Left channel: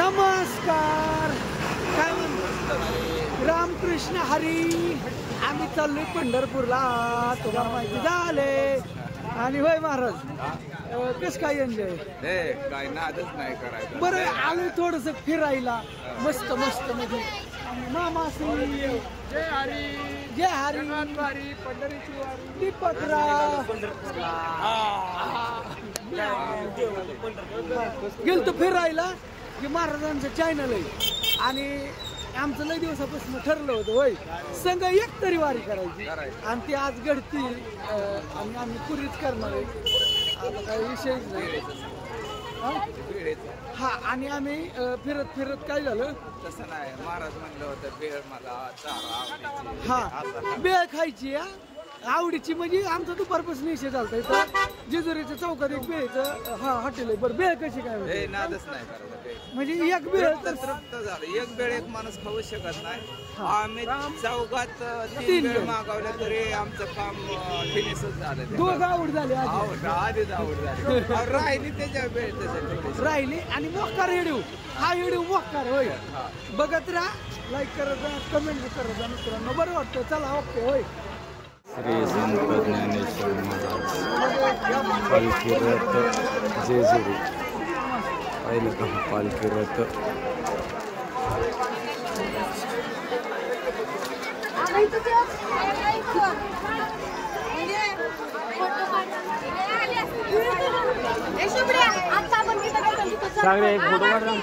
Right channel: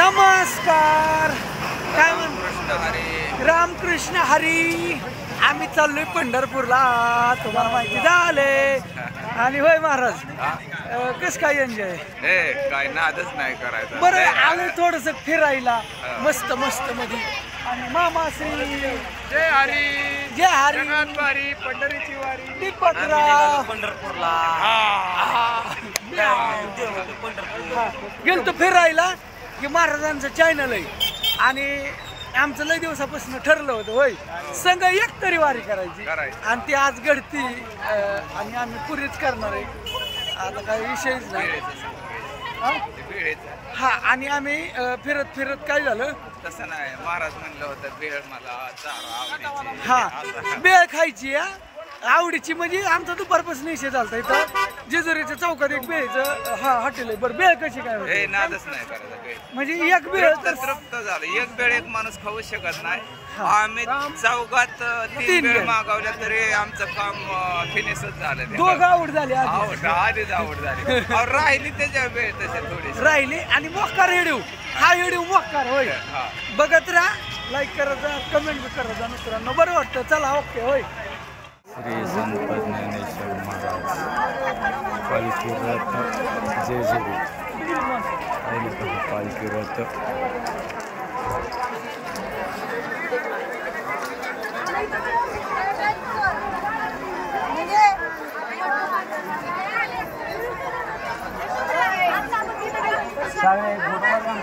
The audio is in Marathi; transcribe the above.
नमस्कार. काय म्हणतो? रामकृष्ण हरी. आम्ही चाललोय पंढरपूरला, तुम्हाला माहिती झाले. आणि होय महाराज, कस काय एन्जॉय? काय नादच नाही करायचं. बरं आलोय थोडस फिरायला, मस्त मस्त मध्ये. आणि मामाश्री जय हरी, जय हरी. वारी, पंढरीची वारी. दीपकराव पंढरपूरला गेलतो फिरायला की महाराजांचं चॅनल आहे. आणि आमचं लय दिवसापासून ठरलं होतं होय संघ एक तरी वारी करायची. आणि ती आज घडती. आणि आम्ही पुरीच करणार आहे. आता काही विषयच नाही. हा. आणि आम्ही फिरत फिरत काय झालं, तसं नाही. महाराज म्हणलं होतं बेळ मला चारा आवडीची. हा बेळ खायची. आवडीची म्हणजे आमचा दुपारपासून विषय झालता. इथं जेजुरीच्या चौकात एक बेळचं हॉटेल आहे. बरं बेळ कशी काय होते? नादच नाही करायचं. बेळ म्हणजे एक बेळ तर तृप्त झालं. एक बेळ एक माणूस खाऊ शकत नाही. आम्ही चौकात 3 बेळ मागवल्या तरी आमचं काम फिनिशच झालं. दोघं आवड झाली. आधीच आवड झाली. राहिली त्याच्या वेळ तसे थोडी राहिली. आणि मोक्कार रेडिओ, हा रेडिओ मोक्कार होय. बघत राहा, लाईक करत जा, कमेंट बी करत जा मित्रांनो. बरं वाटतं. चला ओके होय. श्री संत ज्ञानेश्वर महाराज पालखी रथ जेजुरी. पाहिलं का हा पालखी रथ? सगळे फोटोवर राम.